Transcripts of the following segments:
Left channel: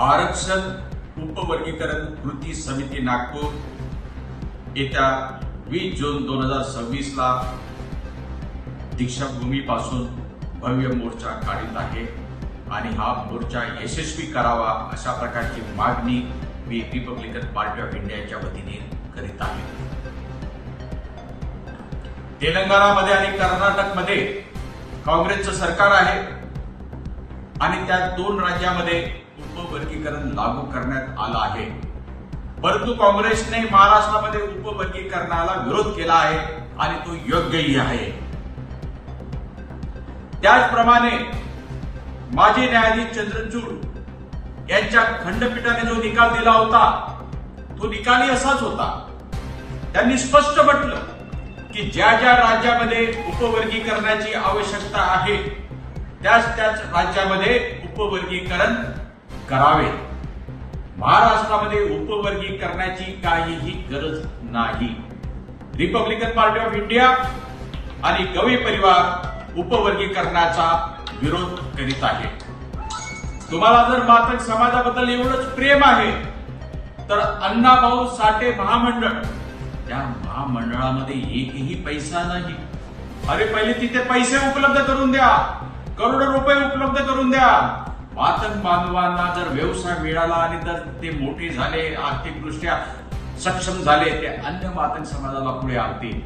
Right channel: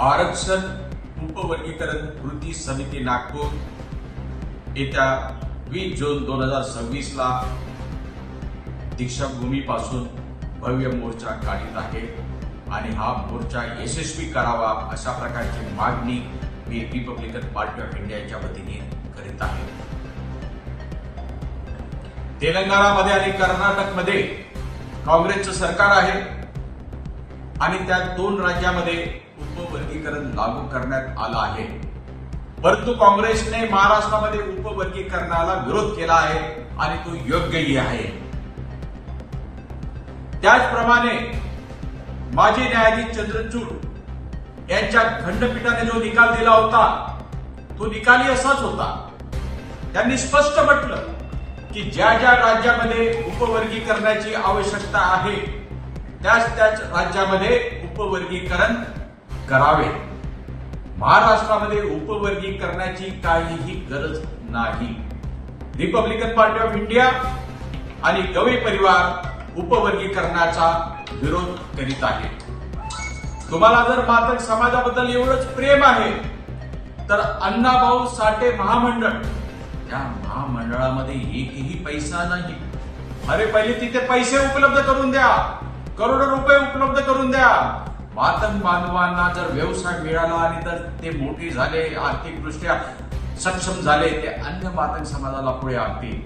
आरक्षण उपवर्गीकरण कृती समिती नागपूर येत्या 20 जून 2026 ला दीक्षाभूमीपासून भव्य मोर्चा काढीत आहे आणि हा मोर्चा यशस्वी करावा अशा प्रकारची मागणी मी रिपब्लिकन पार्टी ऑफ इंडियाच्या वतीने करीत आहे. तेलंगणामध्ये आणि कर्नाटकमध्ये काँग्रेसचं सरकार आहे आणि त्या दोन राज्यामध्ये उपवर्गीकरण लागू करण्यात आलं आहे. परंतु काँग्रेसने महाराष्ट्रामध्ये उपवर्गीकरणाला विरोध केला आहे आणि तो योग्यही आहे. त्याचप्रमाणे माजी न्यायाधीश चंद्रचूड यांच्या खंडपीठाने जो निकाल दिला होता तो निकालही असाच होता. त्यांनी स्पष्ट म्हटलं की ज्या ज्या राज्यामध्ये उपवर्गीकरणाची आवश्यकता आहे त्याच राज्यामध्ये उपवर्गीकरण करावे. महाराष्ट्रामध्ये उपवर्गीकरणाची काहीही गरज नाही. रिपब्लिकन पार्टी ऑफ इंडिया आणि गवई परिवार उपवर्गीकरणाचा विरोध करीत आहे. तुम्हाला जर मातक समाजाबद्दल एवढंच प्रेम आहे तर अण्णाभाऊ साठे महामंडळ, त्या महामंडळामध्ये एकही पैसा नाही. अरे पहिले तिथे पैसे उपलब्ध करून द्या, करोडो रुपये उपलब्ध करून द्या. मातंग बांधवांना जर व्यवसाय मिळाला आणि जर ते मोठे झाले, आर्थिकदृष्ट्या सक्षम झाले, ते अन्य मातंग समाजाला पुढे आणतील.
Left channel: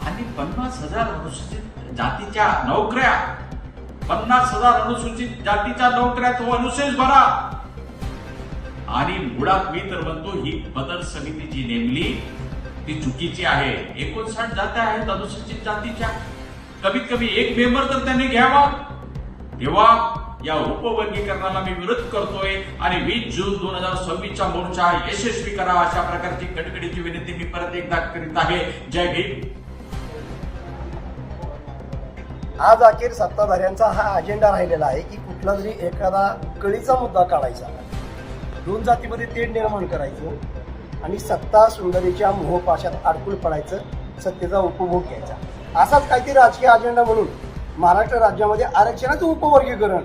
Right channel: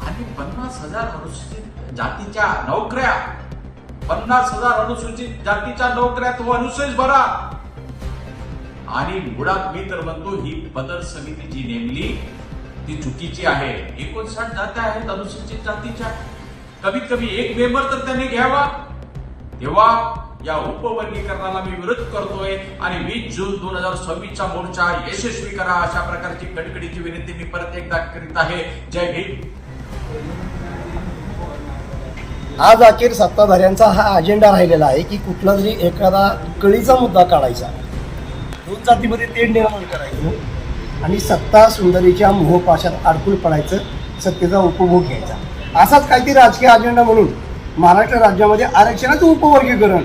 आणि 50,000 अनुसूचित जातीच्या नोकऱ्या, 50,000 अनुसूचित जातीच्या नोकऱ्या तो अनुशेष भरा. आणि मुळात मी तर म्हणतो ही बदल समिती जी नेमली ती चुकीची आहे. 59 जात्या आहेत अनुसूचित जातीच्या, कमीत कमी एक मेंबर तर त्यांनी घ्यावा. तेव्हा या उपवर्गीकरणाला मी विरोध करतोय आणि 20 जून 2026 मोर्चा यशस्वी करा अशा प्रकारची कडकडीची विनंती मी परत एकदा करीत आहे. जय भीम. आज अखेर सत्ताधाऱ्यांचा हा अजेंडा राहिलेला आहे की कुठला तरी एखादा कळीचा मुद्दा काढायचा, दोन जातीमध्ये तेढ निर्माण करायचं आणि सत्ता सुंदरीच्या मोहपाशात अडकून पडायचं, सत्तेचा उपभोग घ्यायचा. असाच काहीतरी राजकीय अजेंडा म्हणून महाराष्ट्र राज्यामध्ये आरक्षणाचं उपवर्गीकरण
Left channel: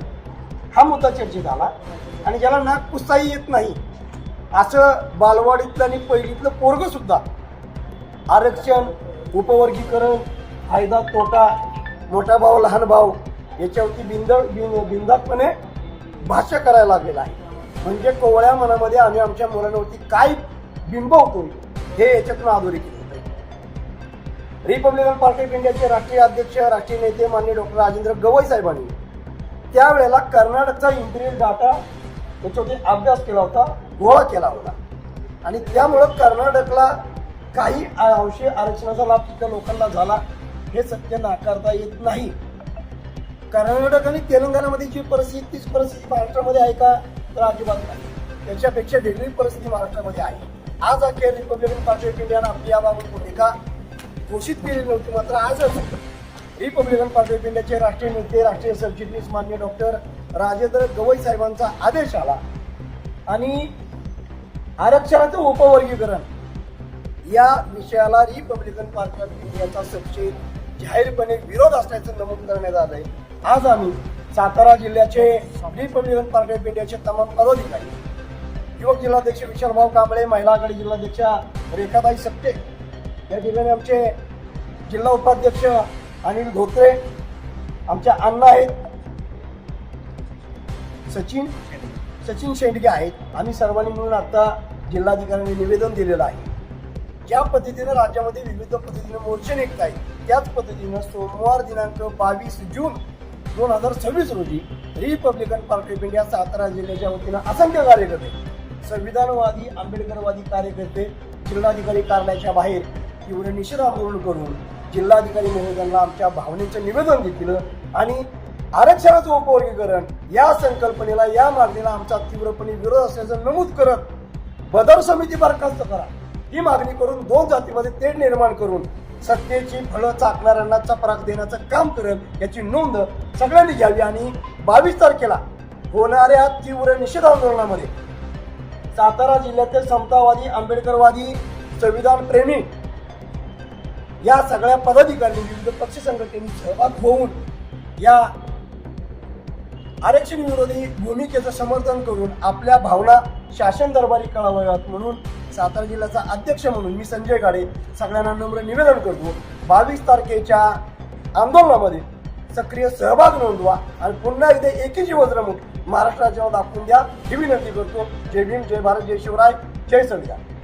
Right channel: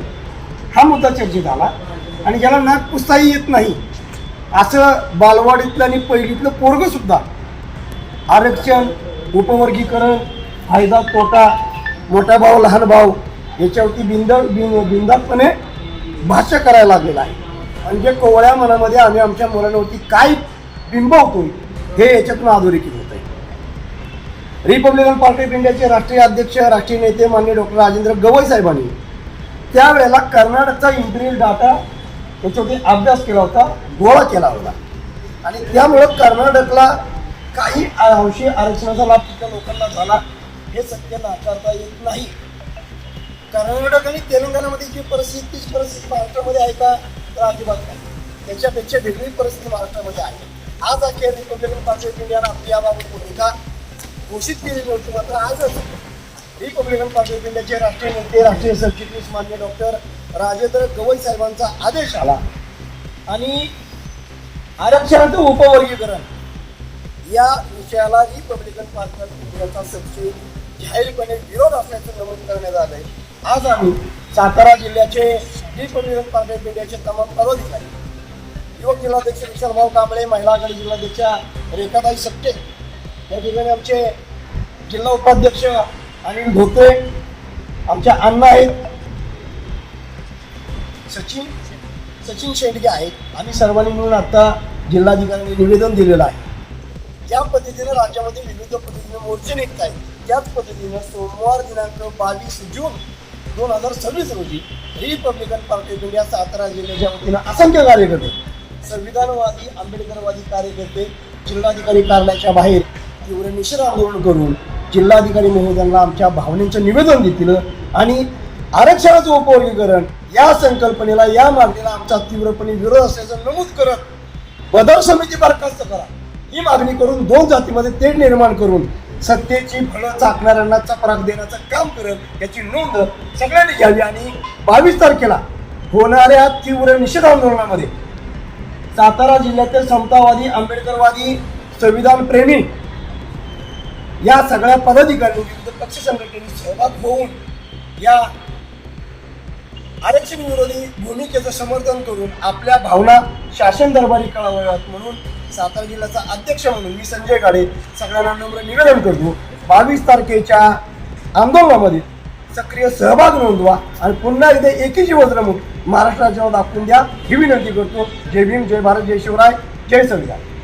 हा मुद्दा चर्चेत आला आणि ज्याला नाक पुसताही येत नाही असं बालवाडीतलं आणि पहिलीतलं पोरगं सुद्धा आरक्षण, उपवर्गीकरण, फायदा तोटा, मोठा भाऊ लहान भाऊ याच्यावरती बिंदातपणे भाष्य करायला लागलेला आहे. म्हणजे कोवळ्या मनामध्ये आम्ही आमच्या मुलांवरती काय बिंबवतोय हे याच्यातून अधोरेखित होत आहे. रिपब्लिकन पार्टी ऑफ इंडियाचे राष्ट्रीय अध्यक्ष, राष्ट्रीय नेते माननीय डॉक्टर राजेंद्र गवई साहेबांनी त्यावेळेला कर्नाटकचा इम्पिरियल डाटा याच्यावरती अभ्यास केला होता, गोळा केला होता आणि त्यामुळं कर्नाटकला काही अंशी आरक्षणाचा लाभ तिथल्या लोकांना झाला हे सत्य नाकारता येत नाही. कर्नाटक आणि तेलंगणामध्ये जी परिस्थिती तीच परिस्थिती महाराष्ट्रामध्ये आहे का तर अजिबात नाही. त्याच्यापेक्षा वेगळी परिस्थिती महाराष्ट्रामध्ये आहे. आज अखेर रिपब्लिकन पार्टी ऑफ इंडियानं आपली याबाबत भूमिका घोषित केलेली नव्हती, मात्र आजच रिपब्लिकन पार्टी ऑफ इंडियाचे राष्ट्रीय नेते, राष्ट्रीय सरचिटणीस माननीय डॉक्टर राजेंद्र गवई साहेबांचा आदेश आला आणि आरक्षणाचं उपवर्गीकरण या विषयाला रिपब्लिकन पार्टी ऑफ इंडियाचा सबसे जाहीरपणे विरोध असल्याचं नमूद करण्यात आलंय. आज आम्ही सातारा जिल्ह्याचे रिपब्लिकन पार्टी ऑफ इंडियाचे तमाम पदाधिकारी, युवक जिल्हाध्यक्ष विशालभाऊ कांबळे, महिला आघाडी जिल्हाध्यक्षा रेखाताई सट्टे, या ठिकाणी आमचे जिल्हा उपाध्यक्ष अनिल धोत्रे, आमच्या अण्णा आहेत सचिन शेंडगे आहेत. आम्ही सर्वांनी मिळून आता जिल्हाधिकाऱ्यांनी निवेदन दिलेलं आहे. ज्या पद्धतीने राज्यामध्ये विविध पद्धतीने मोर्चे निघत आहेत त्याच पद्धतीनं सोमवार दिनांक 22 जून 2026 रोजी Republican party of India Satara जिल्ह्याच्या वतीनं असंख्य कार्यकर्ते, संविधानवादी आंबेडकरवादी कार्यकर्ते जिल्हाधिकारी कार्यालयाच्या बाहेर तीव्र निषेध आंदोलन करून जिल्हाधिकारी महोदयांना आमच्या भावनेचं निवेदन देतील आणि आरक्षणाचं उपवर्गीकरण या संकल्पनेला, या मागणीला आमचा तीव्रपणे विरोध असल्याचं नमूद करत बदल समिती बरखास्त करा ही मागणी करून दोन जातीमध्ये तेढ निर्माण करून सत्तेची फळं चाकणाऱ्यांना चपराक देण्याचं काम करत याची नोंद सगळ्यांनी घ्यावी आणि 22 तारखेला होणाऱ्या तीव्र निषेध आंदोलनामध्ये सातारा जिल्ह्यातील समतावादी, आंबेडकरवादी, संविधान प्रेमी या सगळ्या पदाधिकाऱ्यांनी, विविध पक्ष संघटनेने सहभाग होऊन या आरक्षण विरोधी भूमिकेचं समर्थन करून आपल्या भावना शासन दरबारी कळवाव्यात म्हणून सातारा जिल्ह्याचा अध्यक्ष म्हणून मी संजय काळे सगळ्यांना नम्र निवेदन करतो, 22 तारखेच्या आंदोलनामध्ये सक्रिय सहभाग नोंदवा आणि पुन्हा एकदा एकीची वज्रमुठ महाराष्ट्राच्या दाखवून द्या ही विनंती करतो. जय भीम, जय भारत, जय शिवराय, जय संविधान.